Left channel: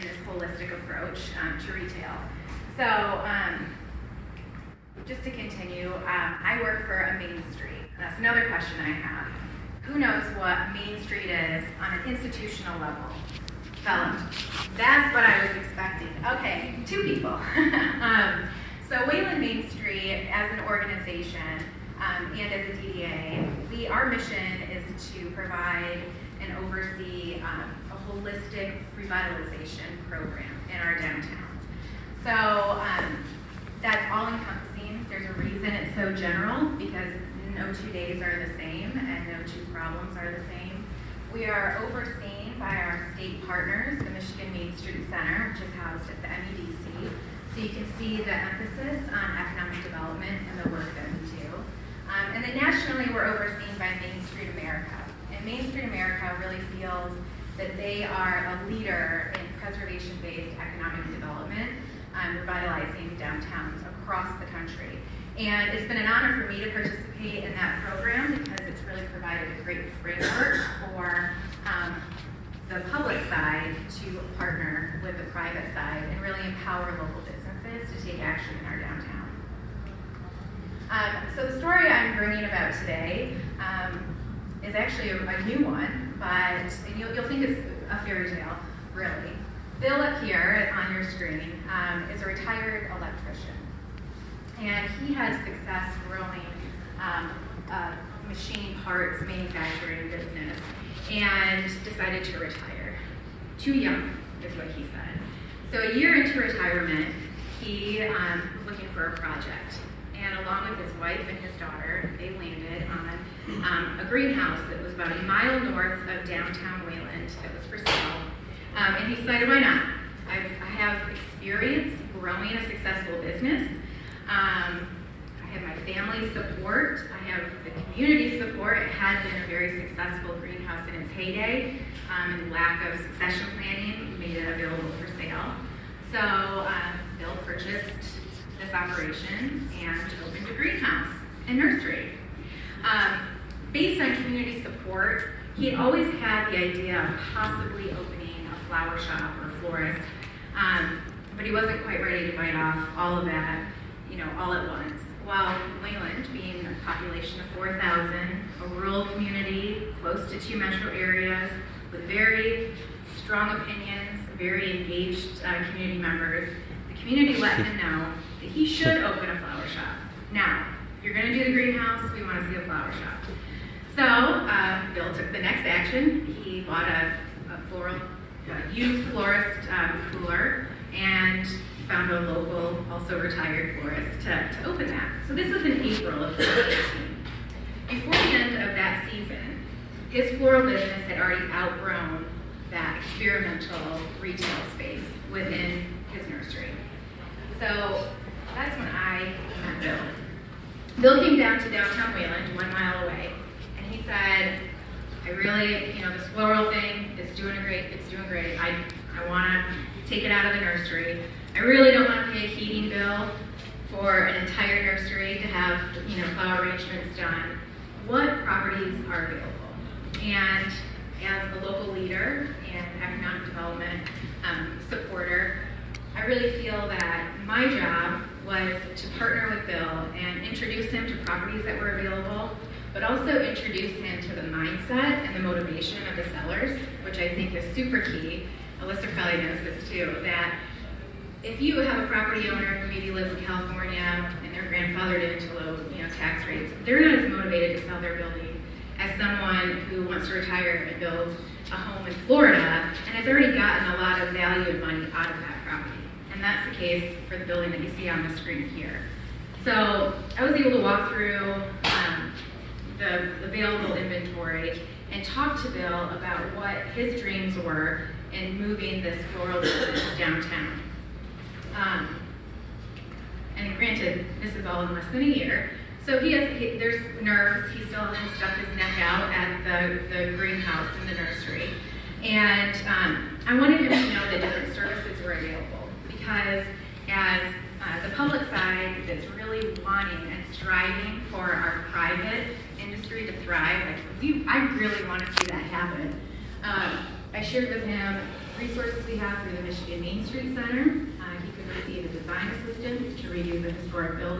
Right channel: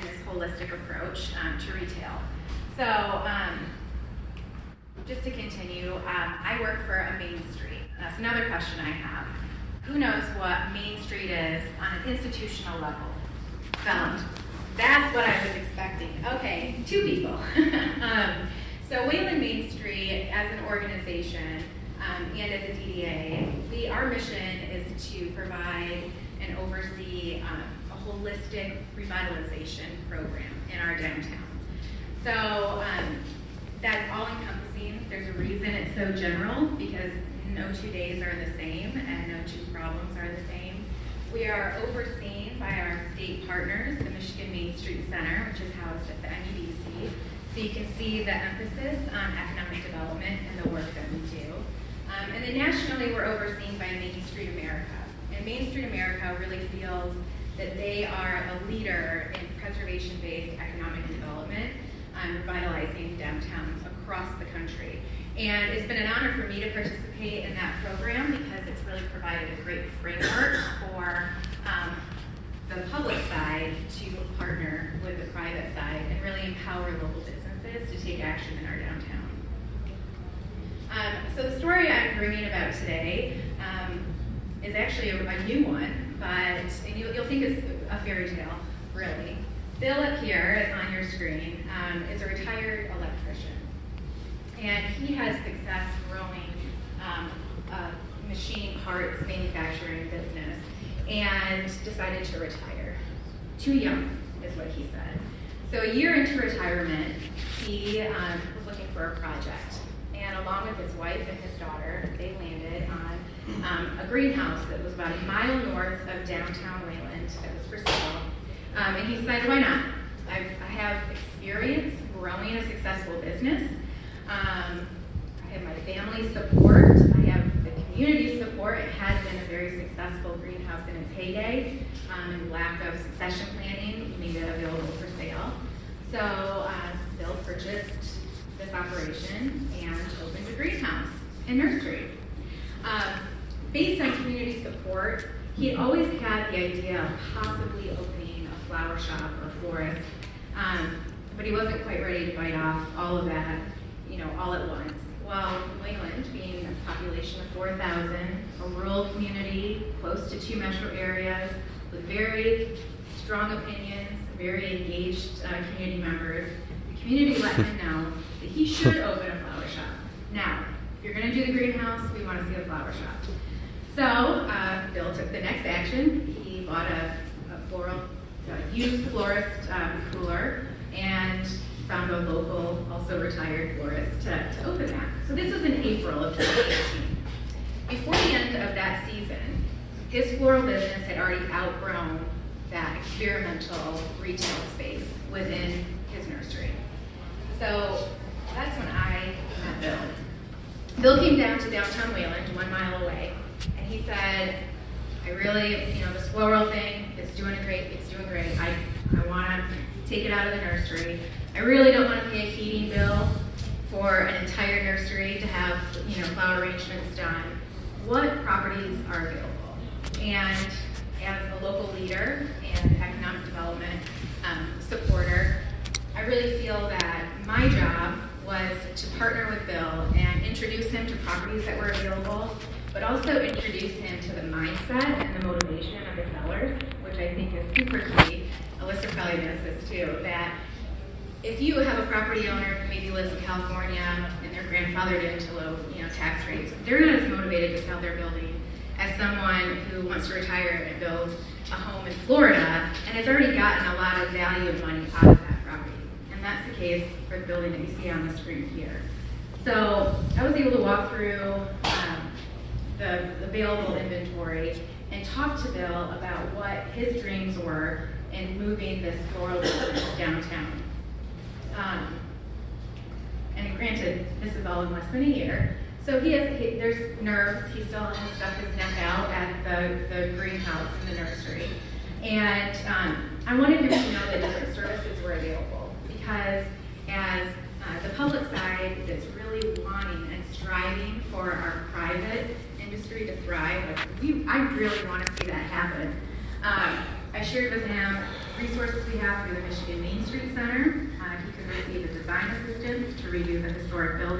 and this holistic approach to retail. So just to continue, I work for a Main Street. That's another question I have. Who knows what Main Street is on an institutional level? Felon. That's what I was expecting. Okay, 2 people. So Wayland Main Street, as an organization and as a DDA, our mission is to provide and oversee a holistic revitalization program in our downtown. So that's all encompassing. There's a reason it's so general, because no 2 days are the same and no 2 problems are the same. We are overseen by our state partners, the Michigan Main Street Center, which is housed at the MEDC. So you can see the emphasis on economic development and the work that we do. And then nationally, we're overseen by Main Street America. And Main Street America really feels that they are a leader in preservation-based economic development, revitalizing downtowns across the country. And it's been an honor for me to participate in that program because it's really provided a great framework for the public side to partner with the private side and really empower local businesses to take action in our downtown. So the story I'm bringing about today is actually a new one, and you'll think it's a fairy tale, really. Bill up here on your screen is a retired electrician. And he has success growing a machine parts manufacturing business and decided to retire. Too young, is what he said. So a year into retirement, he was looking for a project. And along with his wife and his daughter, they landed on a greenhouse that was about a mile north of downtown Wayland that was for sale. And he decided, why not? I have experience growing a successful business. I have my family support. I have the community support. It had been a very successful greenhouse in its heyday, and lack of succession planning made it available for sale. So Bill purchased this operation and opened a greenhouse and nursery. Based on community support, he had always had the idea of possibly opening a flower shop or a florist, but he wasn't quite ready to bite off all of that, all at once. While Wayland, being a population of 4,000, a rural community close to 2 metro areas with very strong opinions, very engaged community members, the community let him know that he should open a flower shop. Now, if you're going to do the greenhouse, we want to see a flower shop. So Bill took the next action. He bought a used florist cooler and found a local, also retired florist to open that. So this was in April of 2018. Before the end of that season, his floral business had already outgrown that experimental retail space within his nursery. So that's when I met Bill. Bill came down to downtown Wayland, 1 mile away, and he said, I really, this floral thing, it's doing great. I want to take it out of the nursery. I really don't want to pay a heating bill for an entire nursery to have, flower arrangements done. What properties are available? And as a local leader and economic development supporter, I really feel that my job was to partner with Bill and introduce him to properties that were available, but also introduce him to the mindset and the motivation of the sellers, which I think is super key. Alyssa probably knows this too, that if you have a property owner who maybe lives in California and they're grandfathered into low tax rates, they're not as motivated to sell their building as someone who wants to retire and build a home in Florida and has already gotten a lot of value and money out of that property. And that's the case for the building that you see on the screen here. So I was able to walk through the available inventory and talk to Bill about what his dreams were in moving this floral business downtown. And granted, this is all in less than a year. So there's nerves. He still has stuck his neck out at the greenhouse in the nursery. And I wanted him to know that different services were available, because as the public side that's really wanting and striving for our private industry to thrive, I really want to see that happen. I shared with him resources we have through the Michigan Main Street Center. He could receive a design assistance to redo the historic building.